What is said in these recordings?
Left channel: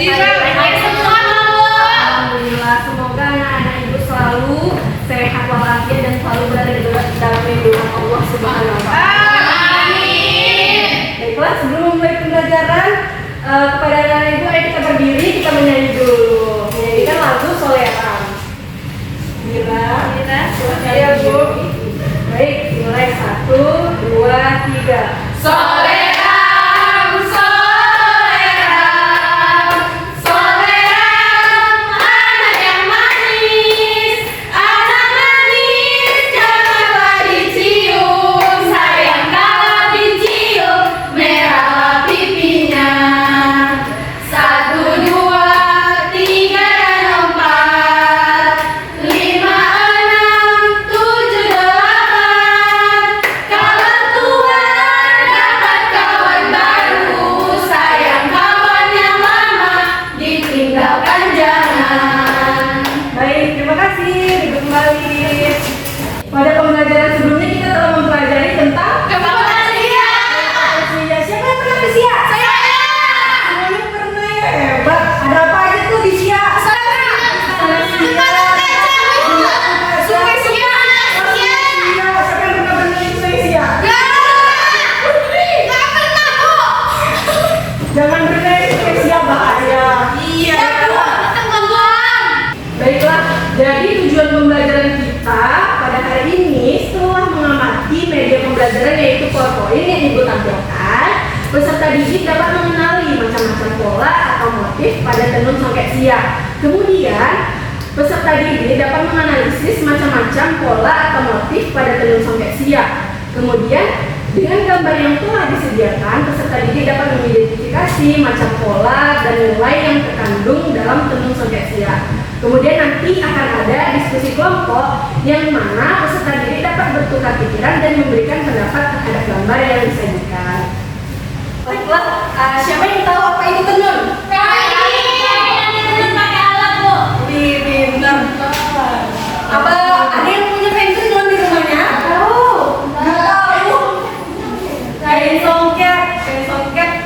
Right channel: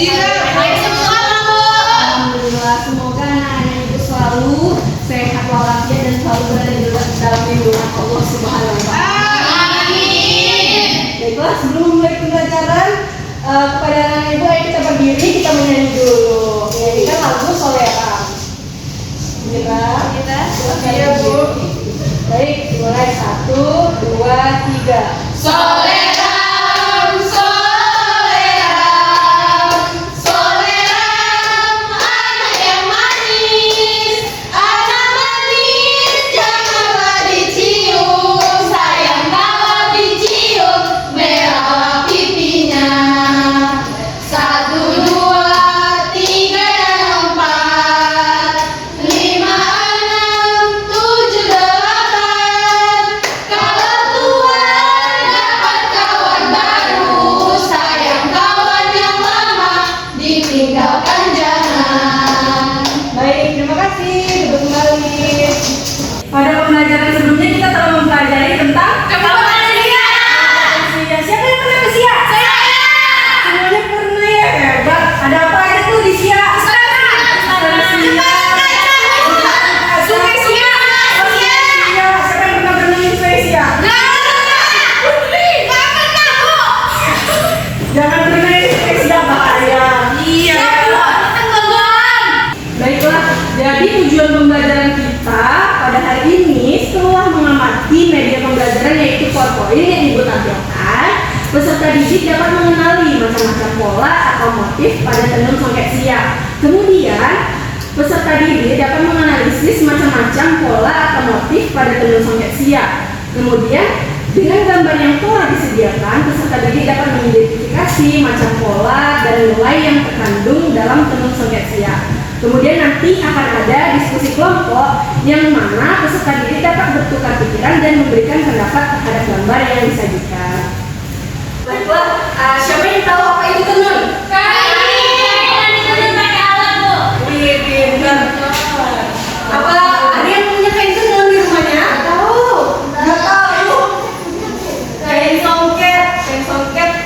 Baik semua, Bu. Alhamdulillah, semoga anak-anak ibu selalu sehat walafiat dan selalu berada dalam lindungan Allah Subhanahu wa Ta'ala. Amin. Baiklah, sebelum memulai pembelajaran kepada anak-anak ibu, ayo kita berdiri, kita menyanyi dulu. Menyanyikan lagu Soleram. Kita ya, Bu. Baik, mulai 1, 2, 3. Soleram, soleram, soleram, anak yang manis, janganlah dicium, sayang kalau dicium, merahlah pipinya. 1, 2, 3 dan 4, 5, 6, 7, 8. Kalau tua dapat kawan baru, sayang kawan yang lama ditinggalkan jangan. Baik, terima kasih. Duduk kembali. Pada pembelajaran sebelumnya kita telah mempelajari tentang Kepala dia. Sia. Siapa yang pernah ke Sia? Saya. Semuanya pernah ya, hebat. Ada apa aja tuh di Sia? Sungai Sia. Siapa yang pernah berenang di Sungai Sia? Jangan berenang di Sungai Sia, bahaya. Baiklah, jadi tujuan pembelajaran kita pada hari ini setelah mengamati media pembelajaran yaitu PowerPoint yang Ibu tampilkan, peserta didik dapat mengenali macam-macam pola atau motif pada tenun songket Sia. Kemudian, peserta didik dapat menganalisis macam-macam pola atau motif pada tenun songket Sia. Kemudian, dengan gambar yang telah disediakan, peserta didik dapat mengidentifikasi macam pola dan nilai yang terkandung dalam tenun songket Sia. Kemudian nanti akan ada diskusi kelompok yang mana peserta didik dapat bertukar pikiran dan memberikan pendapat terhadap gambar yang disajikan. Baiklah, siapa yang tahu apa itu tenun? Wih, pintar. Apa ada yang punya kain tenun di rumahnya? Tahu? Nggak tahu. Kain songket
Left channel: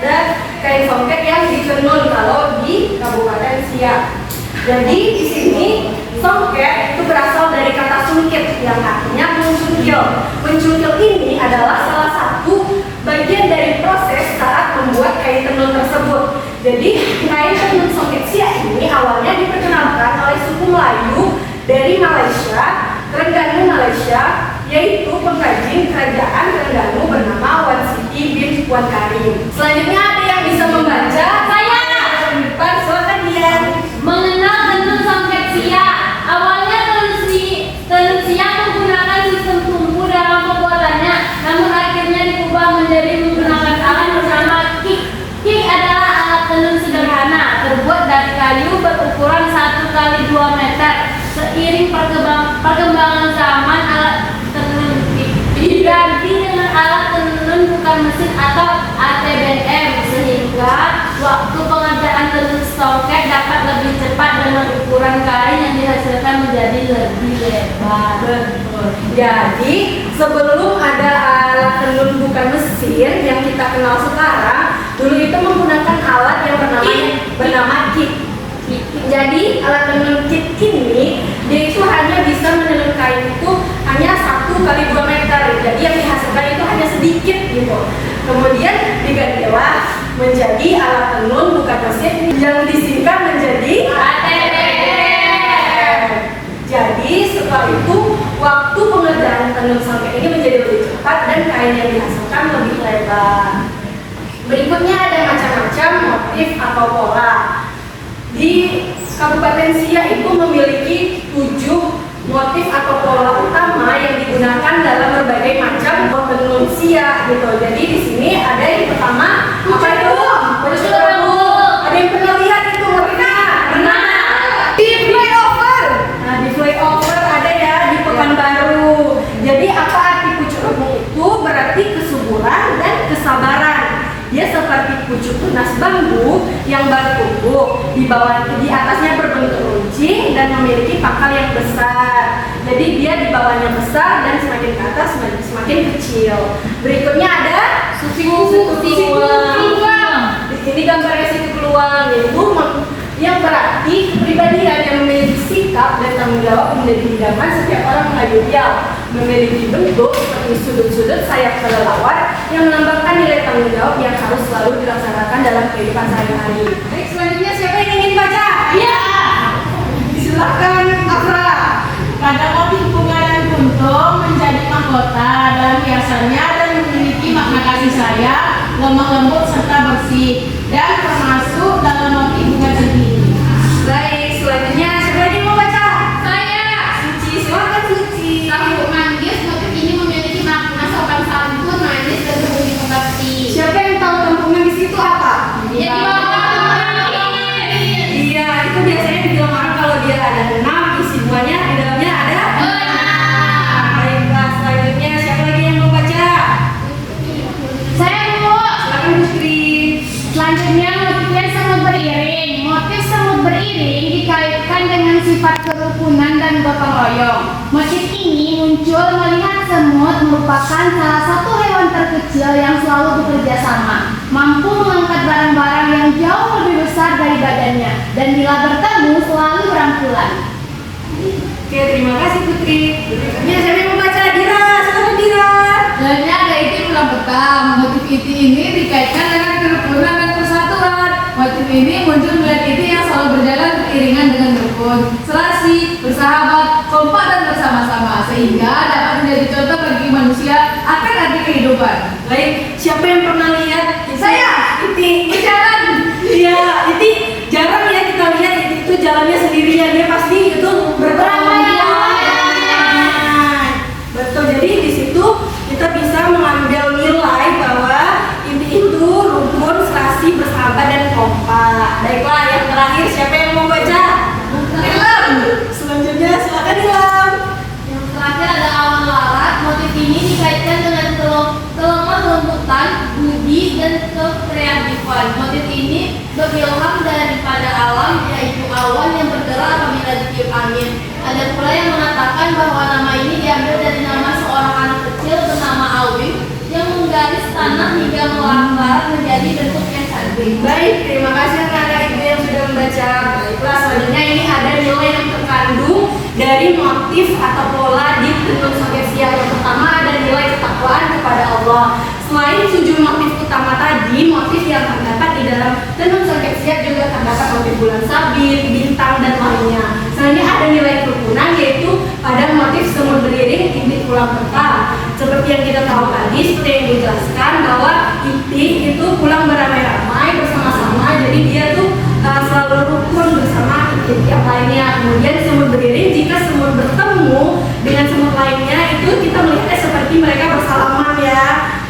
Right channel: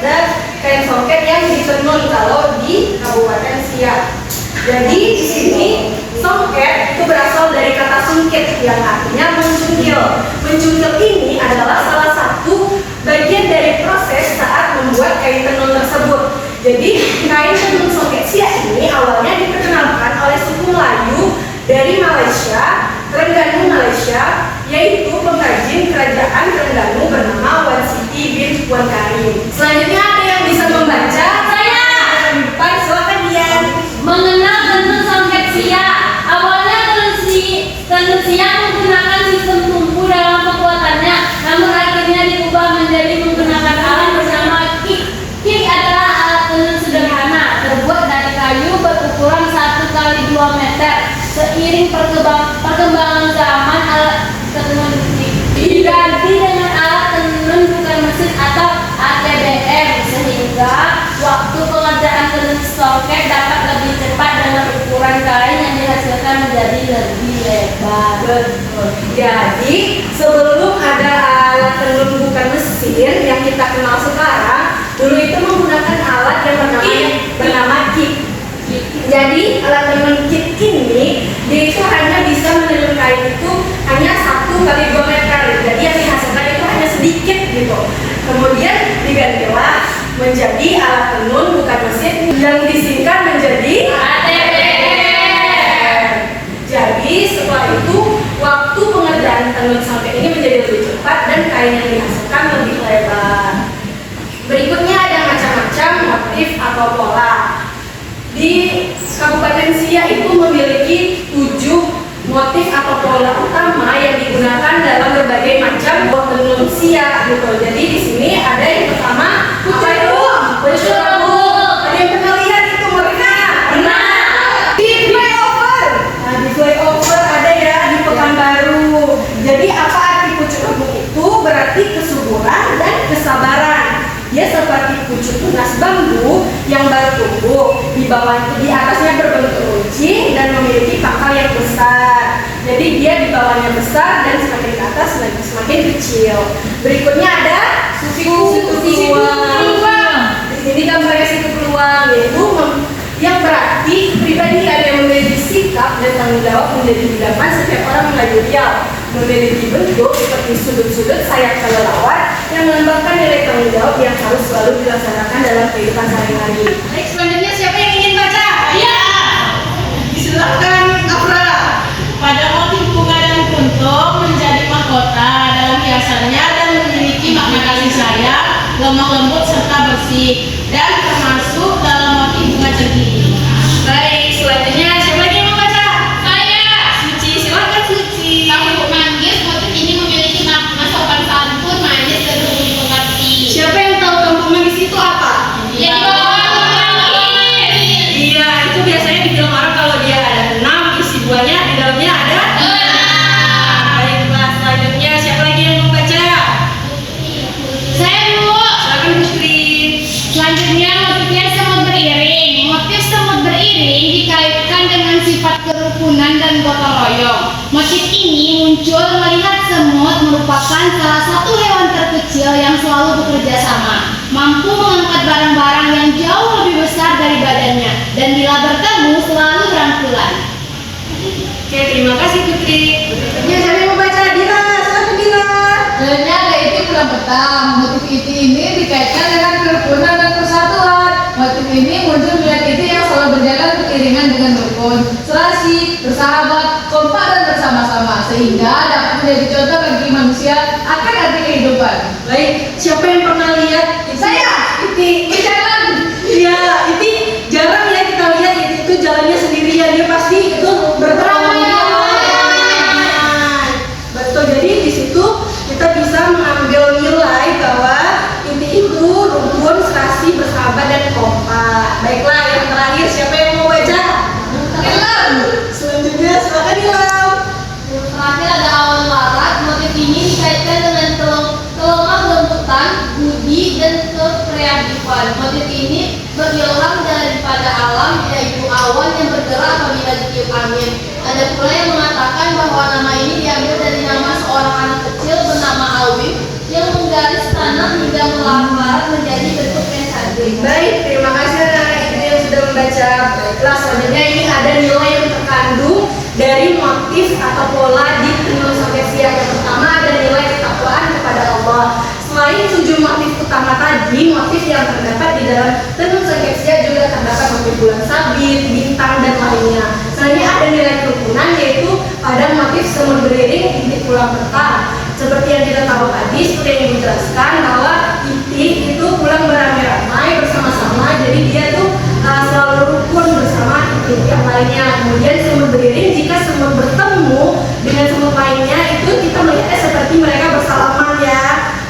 dan kain songket yang ditenun kalau di Kabupaten Siak. Jadi di sini songket itu berasal dari kata sungkit yang artinya mencungkil. Mencungkil ini adalah salah satu bagian dari proses saat membuat kain tenun tersebut. Jadi kain tenun songket Siak ini awalnya diperkenalkan oleh suku Melayu dari Malaysia, Terengganu Malaysia, yaitu pengrajin kerajaan Terengganu bernama Wan Siti bin Wan Karim. Selanjutnya ada yang bisa membaca? Saya. Silakan Dian. Mengenal tenun songket Siak. Awalnya tenun Siak menggunakan sistem tumpu dalam pembuatannya, namun akhirnya diubah menjadi menggunakan alat bernama kik. Kik adalah alat tenun sederhana, terbuat dari kayu berukuran 1 kali 2 meter. Seiring perkembangan zaman, alat tenun kik diganti dengan alat tenun bukan mesin atau ATBM, sehingga waktu pengerjaan tenun songket dapat lebih cepat dengan ukuran kain yang dihasilkan menjadi lebih lebar. Jadi sebelum ada alat tenun bukan mesin yang kita kenal sekarang, dulu itu menggunakan alat yang bernama kit. Jadi alat tenun kit ini dia itu hanya bisa menenun kain itu hanya 1 kali 2 meter. Jadi yang dihasilkan itu hanya sedikit gitu. Kemudian digantilah menjadi alat tenun bukan mesin yang disingkat menjadi ATBM. Jadi setelah itu waktu pengerjaan tenun songket ini menjadi lebih cepat dan kain yang dihasilkan lebih lebar. Berikutnya ada macam-macam motif atau pola. Di Kabupaten Siak itu memiliki 7 motif atau pola utama yang digunakan dalam berbagai macam tenun Siak gitu. Jadi di sini ada yang pertama apa itu? Baju rambut. Ada yang pernah lihat itu mereka? Pernah. Di flyover. Nah, di flyover ada ya di Pekanbaru. Jadi apa arti pucuk rambut itu? Berarti kesuburan dan kesabaran. Dia seperti pucuk tunas bambu yang baru tumbuh, di atasnya berbentuk runcing dan memiliki pangkal yang besar. Jadi dia di bawahnya besar dan semakin ke atas semakin kecil. Berikutnya ada situ peluang. Di sini gambarnya situ peluang, yaitu yang berarti kepribadian yang memiliki sikap dan tanggung jawab menjadi idaman setiap orang mengadu riau, memiliki bentuk seperti sudut-sudut sayap kelelawar yang melambangkan nilai tanggung jawab yang harus selalu dilaksanakan dalam kehidupan sehari-hari. Baik, selanjutnya siapa yang ingin baca? Iya. Silakan, Afra. Pada motif bunga dan kuntum menjadi mahkota dalam hiasannya dan memiliki makna kasih sayang, lemah lembut serta bersih, dan termasuk dalam motif bunga centini. Baik, selanjutnya siapa lagi yang mau baca? Saya. Suci, silakan Suci. Kamu manggis, motif ini memiliki makna sopan santun, manis, dan mudah mengerti. Siapa yang tahu kampungnya di situ apa? Jadi bapak manggis. Iya, itu biasanya dibilang orang kalau dia ada 6, isi buahnya di dalamnya ada. Baiklah, selanjutnya siapa lagi yang mau baca? Saya dulu. Silakan Putri. Selanjutnya motifnya semut beriring. Motif semut beriring dikaitkan dengan sifat kerukunan dan gotong royong. Motif ini muncul melihat semut merupakan salah satu hewan terkecil yang selalu bekerja sama, mampu mengangkat barang-barang yang jauh lebih besar dari badannya, dan bila bertemu selalu rangkulan. Oke, terima kasih Putri. Berikutnya siapa yang mau baca? Dira, silakan Dira. Dalamnya ada iti pulang petang. Motif iti ini dikaitkan dengan kerukunan dan persatuan. Motif ini muncul melihat iti yang selalu berjalan beriringan dengan rukun, serasi, bersahabat, kompak dan bersama-sama, sehingga dapat menjadi contoh bagi manusia akan arti kehidupan. Baik, siapa yang pernah lihat? Saya. Iti. Berjalan. Iya, Iti jarang ya kita lihat Iti itu jalannya sendirian, dia pasti itu beramai-ramai. Betul, jadi di situ kita bisa mengambil nilai bahwa Iti itu rukun, serasi, bersahabat dan kompak. Baiklah, yang terakhir siapa yang mau baca? Ilham. Selanjutnya silakan Ilham. Yang terakhir ada awan larat. Motif ini dikaitkan dengan kelemah lembutan, budi, dan kekreatifan. Motif ini berilham daripada alam, yaitu awan yang bergerak apabila ditiup angin. Ada pula yang mengatakan bahwa nama ini diambil dari nama seorang anak kecil bernama Alwi yang menggaris tanah hingga melangkar menjadi bentuk yang cantik. Baik, terima kasih anak-anak ibu yang sudah membaca. Baiklah, selanjutnya ini ada nilai yang terkandung dari motif atau pola di Tenun Sakesia. Yang pertama ada nilai ketakwaan kepada Allah. Selain 7 motif utama tadi, motif yang terdapat di dalam Tenun Sakesia juga terdapat motif bulan sabit, bintang, dan lainnya. Selanjutnya ada nilai kerukunan, yaitu pada motif semut beriring, inti pulang petang. Seperti yang kita tahu tadi, seperti yang dijelaskan bahwa inti itu pulang beramai-ramai bersama-sama, jadi dia tuh selalu rukun bersama inti yang lainnya. Kemudian semut beriring, jika semut bertemu dengan semut lainnya, itu kita melihatnya seperti mereka bersalaman ya.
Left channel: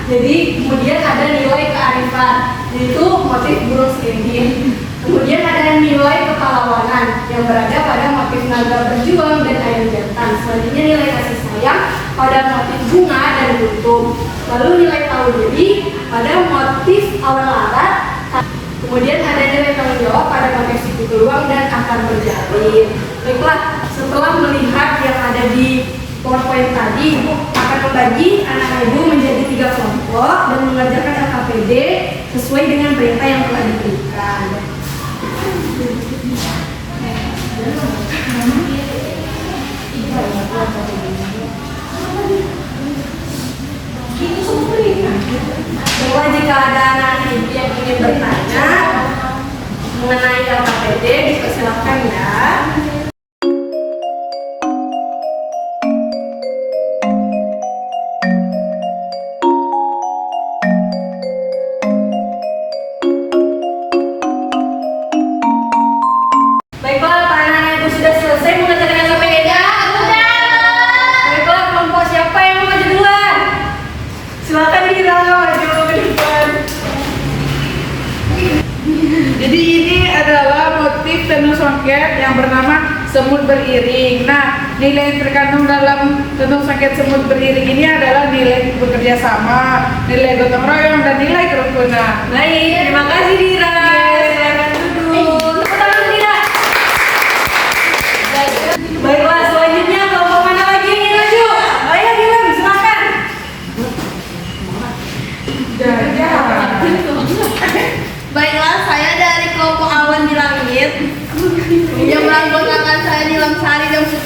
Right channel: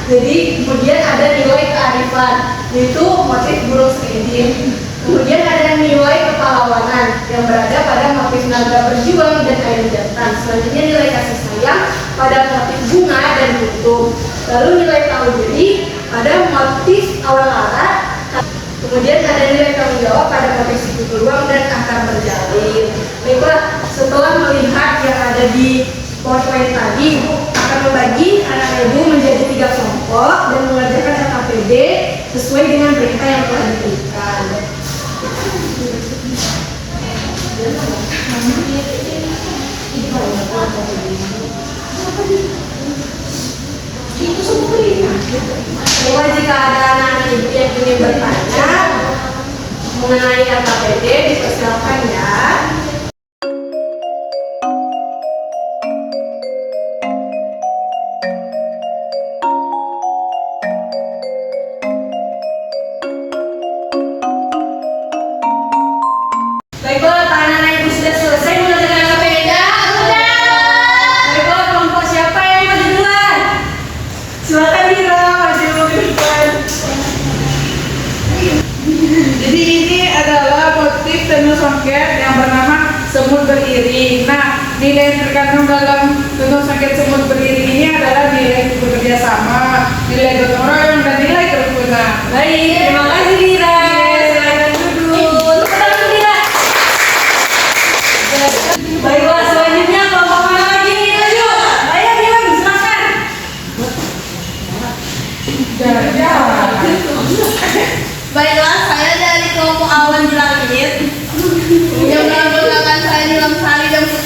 Jadi kemudian ada nilai kearifan, yaitu motif burung serigin. Kemudian ada nilai kepahlawanan yang berada pada motif naga berjuang dan kain jantan. Selanjutnya nilai kasih sayang pada motif bunga dan kuntum. Lalu nilai tahu diri pada motif awal larat. Kemudian ada nilai tanggung jawab pada motif siku peluang dan akar berjalin. Baiklah, setelah melihat yang ada di PowerPoint tadi, Ibu akan membagi anak Ibu menjadi 3 kelompok dan mengerjakan LKPD sesuai dengan perintah yang telah diberikan. Bahwa jika ada anak Ibu yang ingin bertanya mengenai LKPD, dipersilakan ya. Baiklah, anak-anak Ibu sudah selesai mengerjakan LKPD? Sudah. Baiklah, kelompok siapa yang mau maju duluan? Silakan Dira, maju ke depan. Jadi ini adalah motif tenun songket yang bernama semut beriring. Nah, nilai yang terkandung dalam tenun songket semut beriring ini adalah nilai bekerja sama, nilai gotong royong, dan nilai kerukunan. Baik, terima kasih Dira. Silakan duduk. Tepuk tangan Dira. Baiklah, selanjutnya kelompok mana lagi yang ingin maju? Ayo Dira, silakan. Jadi, Baiklah, saya dari kelompok awan di langit.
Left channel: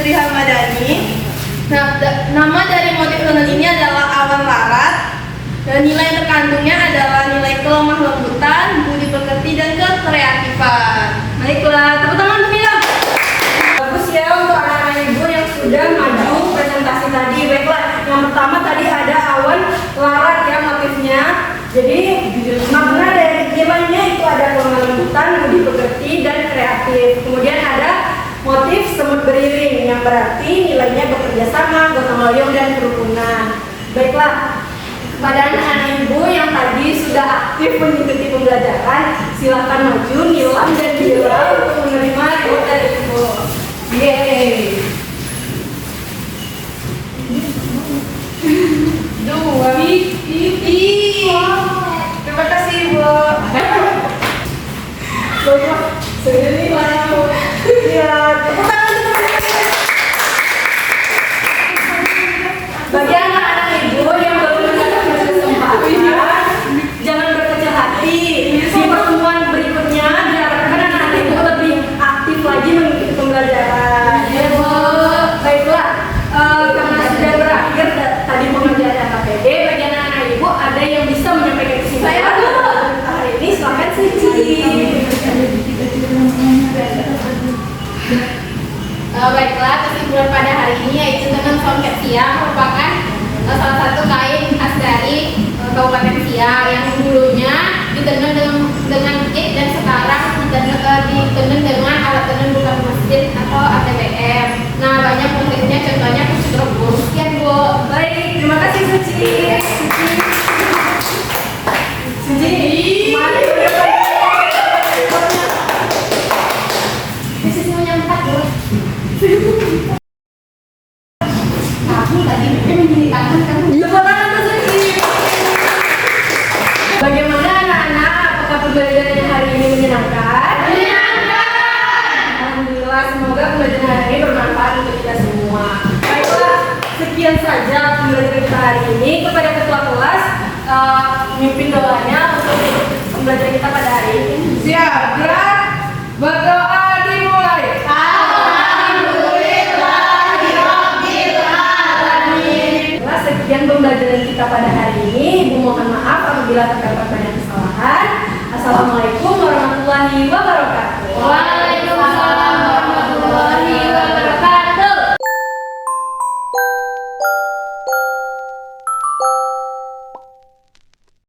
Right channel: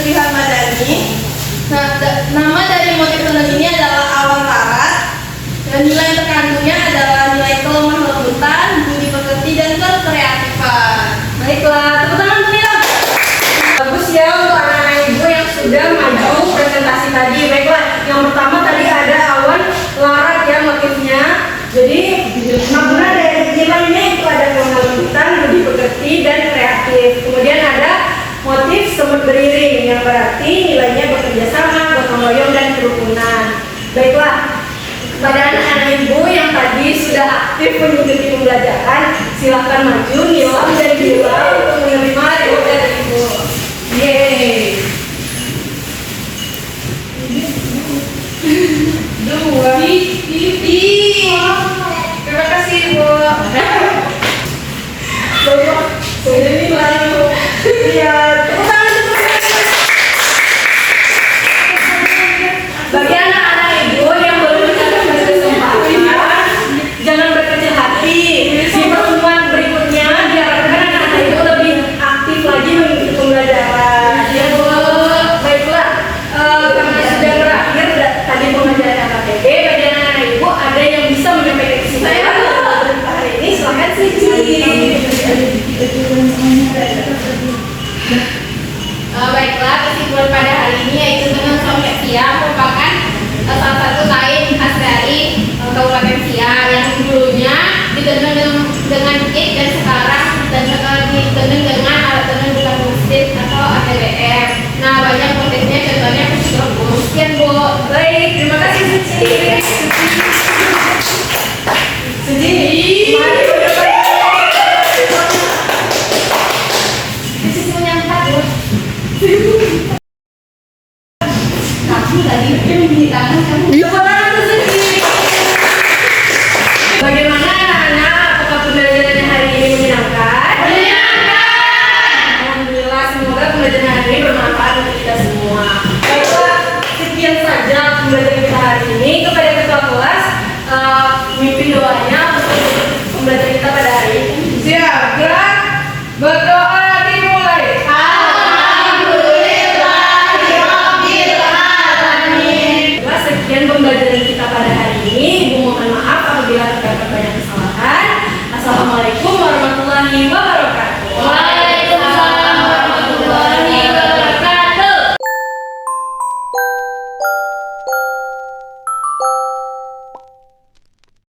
Sri Hamadani. Nah, nama dari motif tenun ini adalah awan larat. Dan nilai yang terkandungnya adalah nilai kelemah lembutan, budi pekerti, dan kreatifan. Baiklah, tepuk tangan untuk Mila. Bagus ya untuk anak-anak ibu yang sudah maju presentasi tadi. Baiklah, yang pertama tadi ada awan larat ya motifnya. Jadi makna dari nilainya itu ada kelemah lembutan, budi pekerti, dan kreatif. Kemudian ada motif semut beriring yang berarti nilainya bekerja sama, gotong royong, dan kerukunan. Baiklah, pada anak-anak ibu yang tadi sudah aktif mengikuti pembelajaran, silakan maju, nilam dan bilang untuk menerima reward dari ibu. Yeay. 2. Terima kasih ibu. Baiklah, saya ini baru. Iya, tepuk tangan dulu. Bagi anak-anak ibu yang baru mendapatkan kesempatan, jangan berkecil hati. Di pertemuan berikutnya diharapkan anak-anak ibu lebih aktif lagi mengikuti pembelajaran. Ya bu. Baiklah, karena sudah berakhir tadi pengajaran KTB, bagi anak-anak ibu ada yang bisa menyampaikan kesimpulan hari ini, silakan Suci. Baiklah, kesimpulan pada hari ini yaitu tenun songket Siak merupakan salah satu kain khas dari Kabupaten Siak yang dulunya ditenun dengan it dan sekarang ditenun dengan alat tenun bukan mesin atau ATBM. Nah, banyak motifnya, contohnya kusut rebus. Sekian Bu. Baik, terima kasih Suci. Suci, mari Suci punya 4 Bu. Kamu tadi membeli tangan kamu. Tepuk tangan untuk Suci. Bagaimana anak-anak? Apakah pembelajaran hari ini menyenangkan? Menyenangkan. Alhamdulillah, semoga pembelajaran hari ini bermanfaat untuk kita semua. Baiklah, sekian saja